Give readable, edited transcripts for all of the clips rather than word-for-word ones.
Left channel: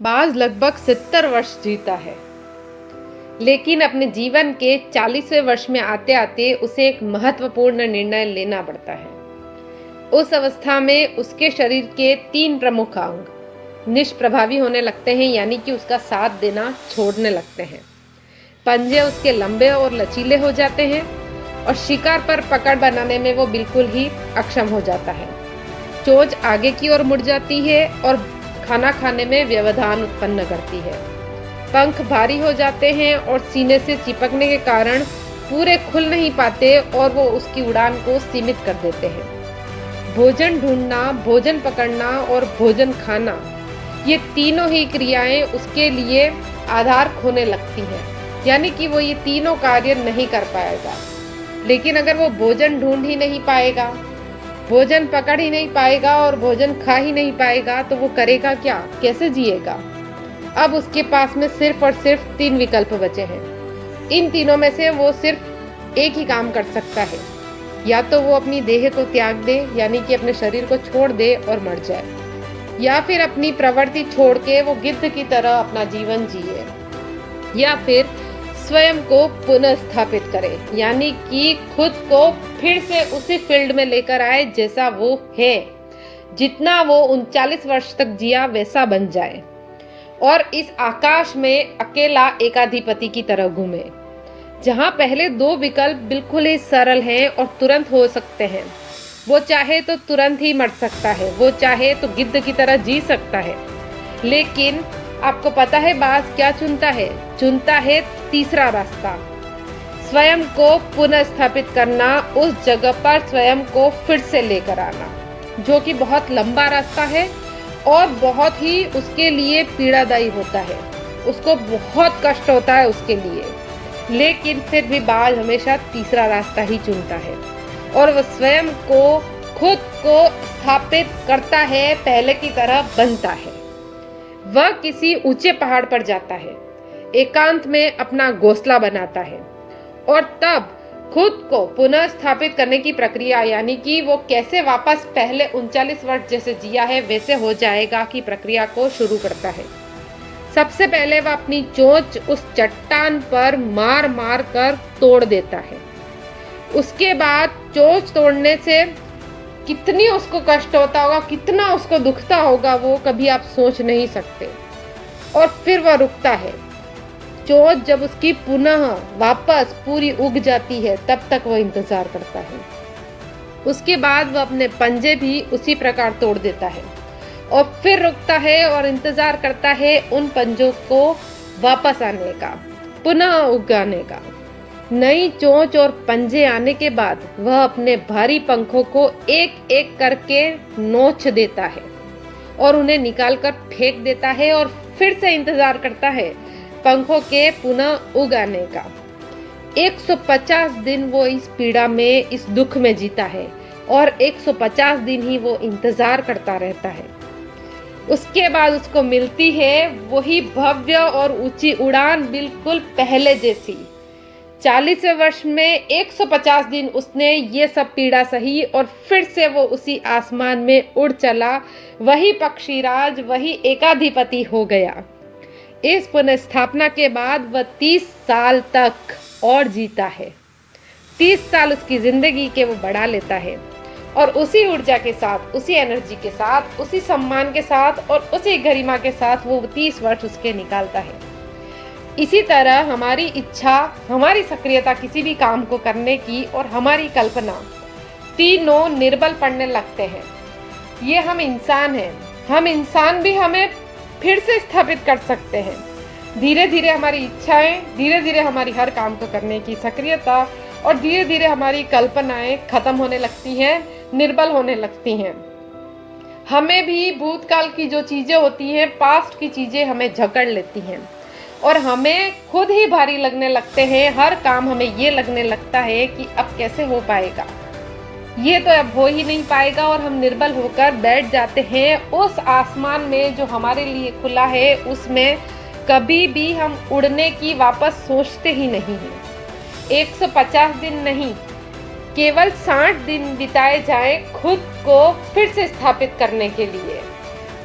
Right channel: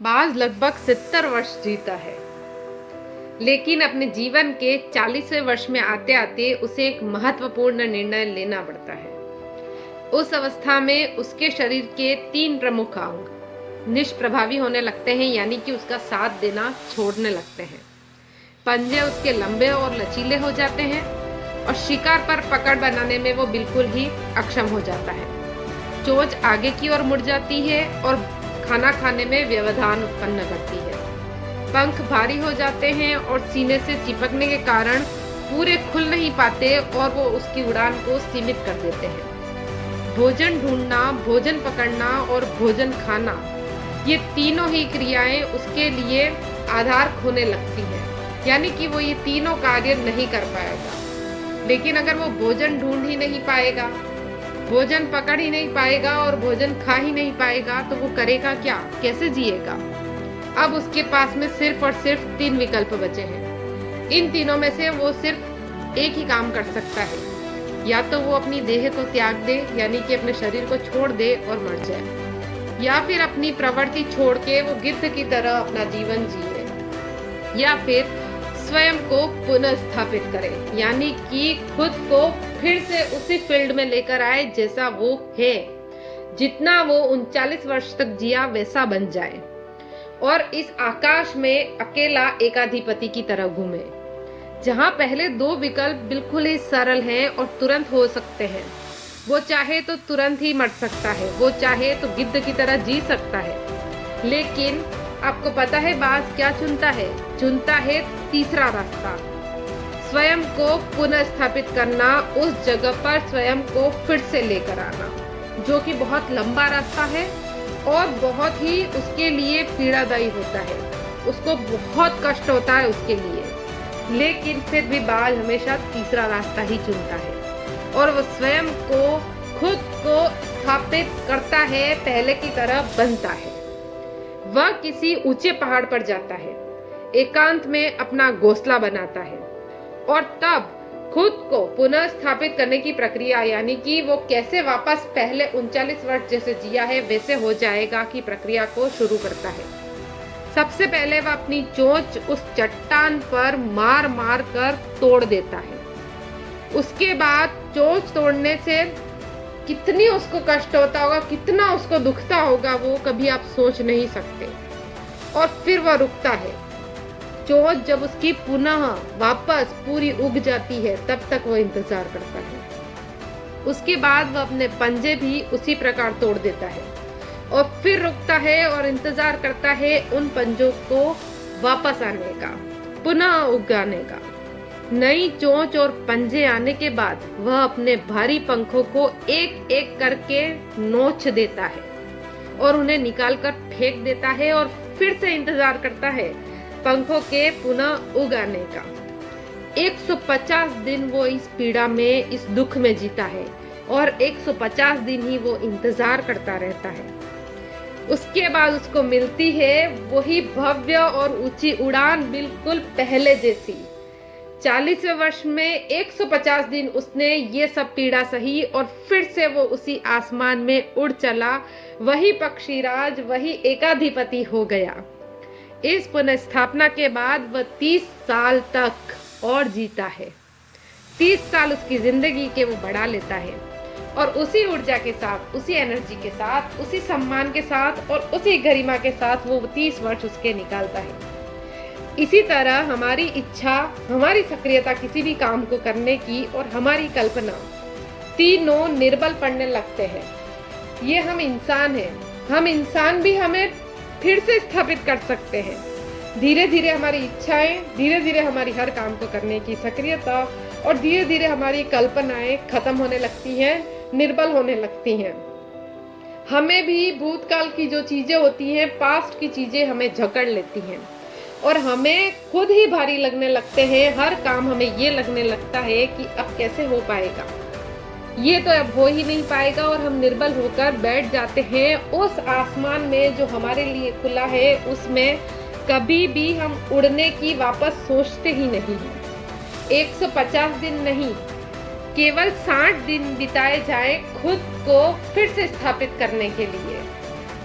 बाज लगभग 70 वर्ष जीता है, लेकिन अपने जीवन के 40वें वर्ष में आते आते उसे एक महत्वपूर्ण निर्णय लेना पड़ता है। उस अवस्था में उसके शरीर के 3 प्रमुख अंग निष्प्रभावी होने लगते हैं, यानी कि उसका साथ देना छोड़ने लगते हैं। पंजे उसके लंबे और लचीले हो जाते हैं और शिकार पर पकड़ बनाने में वो बिल्कुल ही अक्षम हो जाता है। चोंच आगे की ओर मुड़ जाती है और खाना खाने में व्यवधान उत्पन्न करती है। पंख भारी हो जाते हैं और सीने से चिपकने के कारण पूरे खुल नहीं पाते और वो उसकी उड़ान को सीमित कर देते हैं। भोजन ढूंढना, भोजन पकड़ना और भोजन खाना, ये तीनों ही क्रियाएं उसके लिए आधार खोने लगती हैं, यानी कि वो ये तीनों कार्य नहीं कर पाएगा। लेकिन अगर वो भोजन ढूंढ ही नहीं पाएगा, भोजन पकड़ ही नहीं पाएगा और भोजन खा ही नहीं पाएगा, तो वो करेगा क्या, कैसे जिएगा? अब उसके पास में सिर्फ और सिर्फ 3 विकल्प बचे हैं। इन तीनों में से वो सिर्फ एक ही काम कर सकता है, या तो वो अपनी देह को त्याग दे, यानी कि अपने शरीर को छोड़ दे और मर जाए, या फिर अपनी प्रवृत्ति छोड़ के वो गिद्ध की तरह अपना जीवन जिए, या फिर स्वयं को पुनः स्थापित करे, यानी कि खुद को फिर से उसी फील्ड में लेकर आए जैसा वो है, जितना वो 39 वर्ष तक जिया वैसा बन जाए और इस आकाश में अकेला एकाधिपति की तरह घूमे। जहां पहले 2 विकल्प बिल्कुल ही सरल हैं और तुरंत हो सकते हैं। वो चाहे तो तुरंत ही मर सकता है, वो चाहे तो गिद्ध की तरह जी सकता है, लेकिन आपको पता है बाज क्या चुनता है? चुनता है तीसरा रास्ता, स्वयं को पुनः स्थापित करना, उस जगह पर स्वयं को फिर से लेकर आना, जो कि बहुत लंबा रास्ता है और बहुत ही उसके लिए पीड़ादायी होता है। उसको बहुत कष्ट होता है उसके लिए, लेकिन फिर भी बाज हमेशा तीसरा रास्ता ही चुनता है और वो स्वयं को, खुद को स्थापित करता है, पहले की तरह बनता है। वह किसी ऊंचे पहाड़ पर जाता है, एकांत में अपना घोंसला बनाता है और तब खुद को पुनः स्थापित करने की प्रक्रिया, यानी कि वो कैसे वापस पहले 39 वर्ष जैसे जिया है वैसे हो जाएगा की प्रक्रिया को शुरू करता है। सबसे पहले वह अपनी चोंच उस चट्टान पर मार मार कर तोड़ देता है। उसके बाद चोंच तोड़ने से कितनी उसको कष्ट होता होगा, कितना उसको दुखता होगा, वो कभी आप सोच नहीं सकते। और फिर वह रुकता है। चोंच जब उसकी पुनः वापस पूरी उग जाती है, तब तक वह इंतजार करता है। उसके बाद वह अपने पंजे भी उसी प्रकार तोड़ देता है और फिर रुकता है और इंतजार करता है उन पंजों को वापस आने का, पुनः उगाने का। नई चोंच और पंजे आने के बाद वह अपने भारी पंखों को एक एक करके नोच देता है और उन्हें निकालकर फेंक देता है और फिर से इंतजार करता है पंखों के पुनः उगाने का। 150 दिन वो इस पीड़ा में, इस दुख में जीता है और 150 दिन ही वो इंतजार करता रहता है। उसके बाद उसको मिलती है वही भव्य और ऊंची उड़ान, बिल्कुल पहले जैसी। 40वें वर्ष में 150 दिन उसने ये सब पीड़ा सही और फिर से वो उसी आसमान में उड़ चला, वही पक्षीराज, वही एकाधिपति हो गया। इस पुनर्स्थापना के बाद वह 30 साल तक और जीता है। 30 साल उसकी जिंदगी के वो बढ़ा लेता है और उसी ऊर्जा के साथ, उसी एनर्जी के साथ, उसी सम्मान के साथ और उसी गरिमा के साथ वो 30 वर्ष उसके निकालता है। इसी तरह हमारी इच्छा, हमारी सक्रियता किसी भी काम को करने की और हमारी कल्पना, तीनों निर्बल पड़ने लगते हैं। ये हम इंसान हैं, हम इंसान भी हमें फिर से स्थापित कर सकते हैं। धीरे धीरे हमारी इच्छाएं, धीरे धीरे हमारी हर काम को करने की सक्रियता और धीरे धीरे हमारी कल्पनाएं खत्म होने लगती हैं, निर्बल होने लगती हैं। हमें भी भूतकाल की जो चीजें होती हैं, पास्ट की चीजें हमें जकड़ लेती हैं और हमें खुद ही भारी लगने लगते हैं। हर काम हमें ये लगने लगता है कि अब कैसे हो पाएगा, ये तो अब हो ही नहीं पाएगा और हम निर्बल होकर बैठ जाते हैं उस आसमान में जो हमारे लिए खुला है। उसमें कभी भी हम उड़ने की वापस सोचते ही नहीं हैं। 150 दिन नहीं, केवल 60 दिन बिताए जाएं खुद को फिर से स्थापित करने के लिए।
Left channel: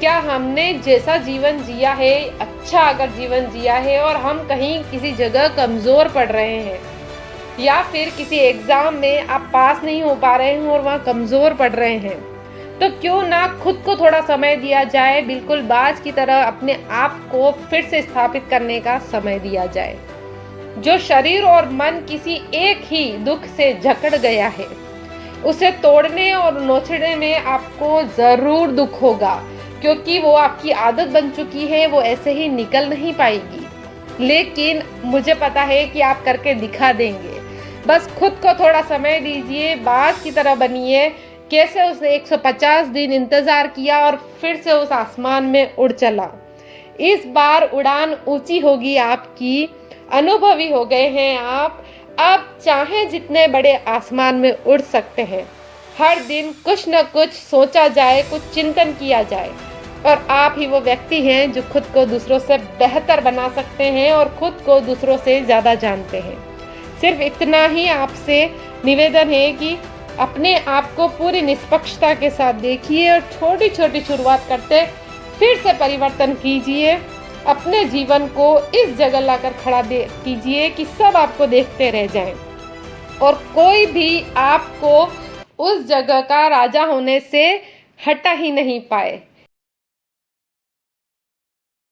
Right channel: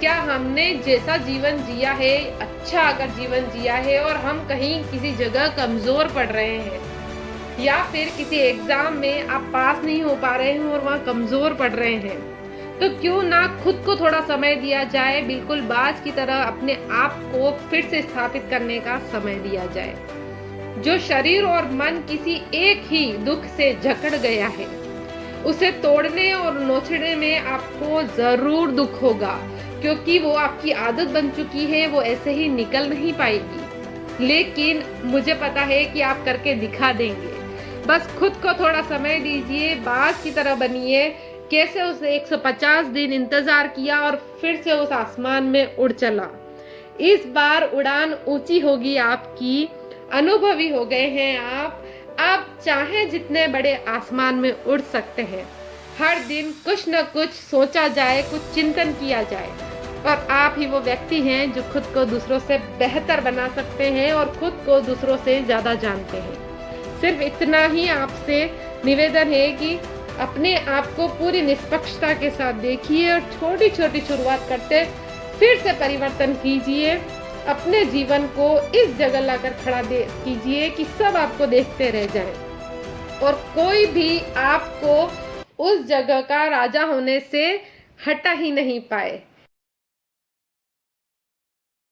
क्या हमने जैसा जीवन जिया है, अच्छा अगर जीवन जिया है और हम कहीं किसी जगह कमज़ोर पड़ रहे हैं या फिर किसी एग्ज़ाम में आप पास नहीं हो पा रहे हैं और वहाँ कमज़ोर पड़ रहे हैं, तो क्यों ना खुद को थोड़ा समय दिया जाए, बिल्कुल बाज की तरह अपने आप को फिर से स्थापित करने का समय दिया जाए। जो शरीर और मन किसी एक ही दुख से जकड़ गया है, उसे तोड़ने और नोचने में आपको ज़रूर दुख होगा, क्योंकि वो आपकी आदत बन चुकी है, वो ऐसे ही निकल नहीं पाएगी। लेकिन मुझे पता है कि आप करके दिखा देंगे। बस खुद को थोड़ा समय दीजिए, बाज की तरह बनिए। कैसे उसने 150 दिन इंतज़ार किया और फिर से उस आसमान में उड़ चला। इस बार उड़ान ऊंची होगी आपकी, अनुभवी हो गए हैं आप। अब चाहे जितने बड़े आसमान में उड़ सकते हैं। हर दिन कुछ न कुछ सोचा जाए, कुछ चिंतन किया जाए, और आप ही वो व्यक्ति हैं जो खुद को दूसरों से बेहतर बना सकते हैं और खुद को दूसरों से ज़्यादा जानते हैं। सिर्फ इतना ही आपसे निवेदन है कि अपने आप को पूरी निष्पक्षता के साथ देखिए और छोटी छोटी शुरुआत करते फिर से परिवर्तन कीजिए। अपने जीवन को इस जगह लाकर खड़ा कीजिए कि सब आपको देखते रह जाएं और कोई भी आपको उस जगह का राजा होने से हटा ही नहीं पाए।